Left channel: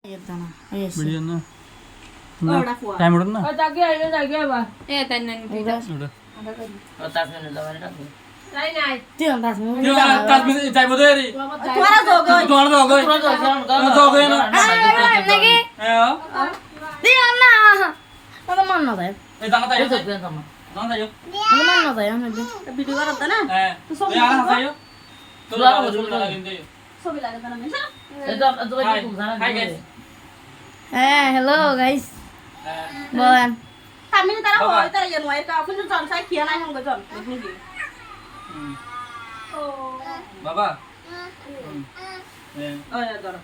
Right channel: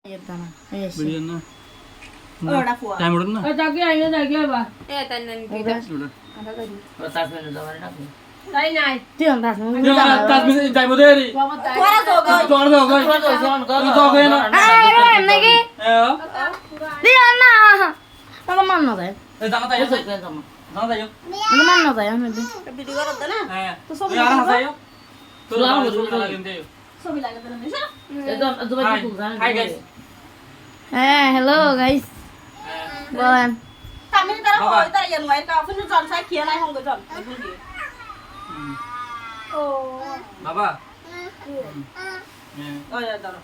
Ah. Eh, eh tayo? Nabi. Video করতে না Eh, tuh arah tayo. Tuh arah tuh lagi tayo. ছবি লাগে না মেশা Hi, hi guys. Eh, hello guys. Bolan. Tamil তারা হয় তারা ইয়ান ওয়াই কা ফুন জন সাই খিয়া নাই হঙ্গ জন বুঝি Hmm. ও বাবা Eh, ওই ধর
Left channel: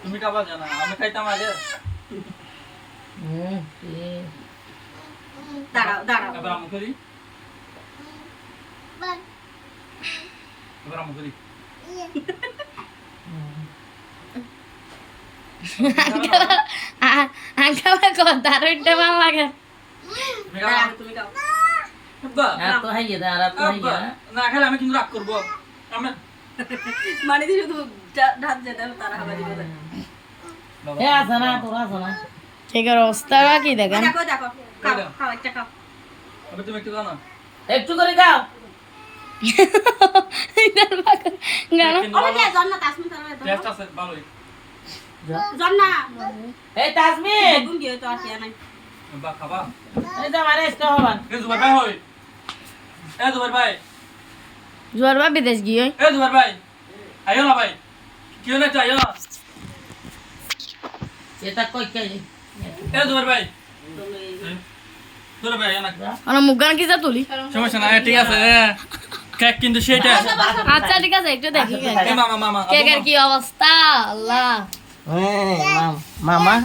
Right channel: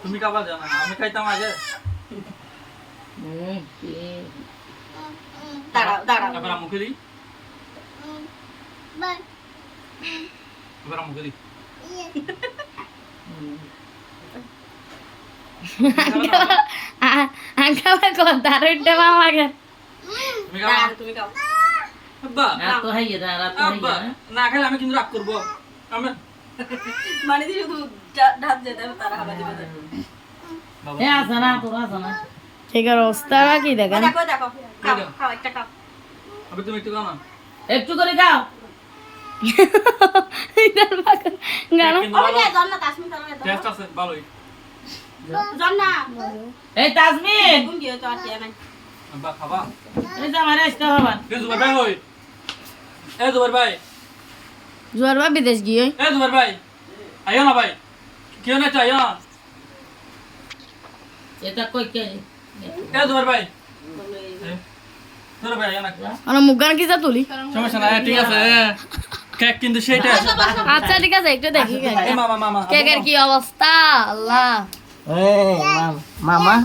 তুমি খাবার জানা আমি খাইতাম আগে দাঁড়াও দাঁড়াও এবার মুখে দিই এবার মুখে দিই Ko taruh di depan lagi. তুমি খাও আব্বা আব্বা না খেলে আমি কিন্তু রাগ করব মানে শুধু ঢাক যেতে তারা হাবা দিবে বাবা Cek roster lagi দেখো দেখো খাও খাও একটা খাও। তুমি একটু খাও না। একটু করে খাও। না না এই তাসমিন গুন গিয়ে জুবার ভাই আইও না ভাই কেউ না চাইও না এটা কই কে না kita tuli? সমস্যা নাই ঠিক আছে কেক কিন্তু সেটা আচ্ছা ঠিক আছে একটু দেখি এ মামা মামা কেকের কি অবস্থা আল্লাহ মামা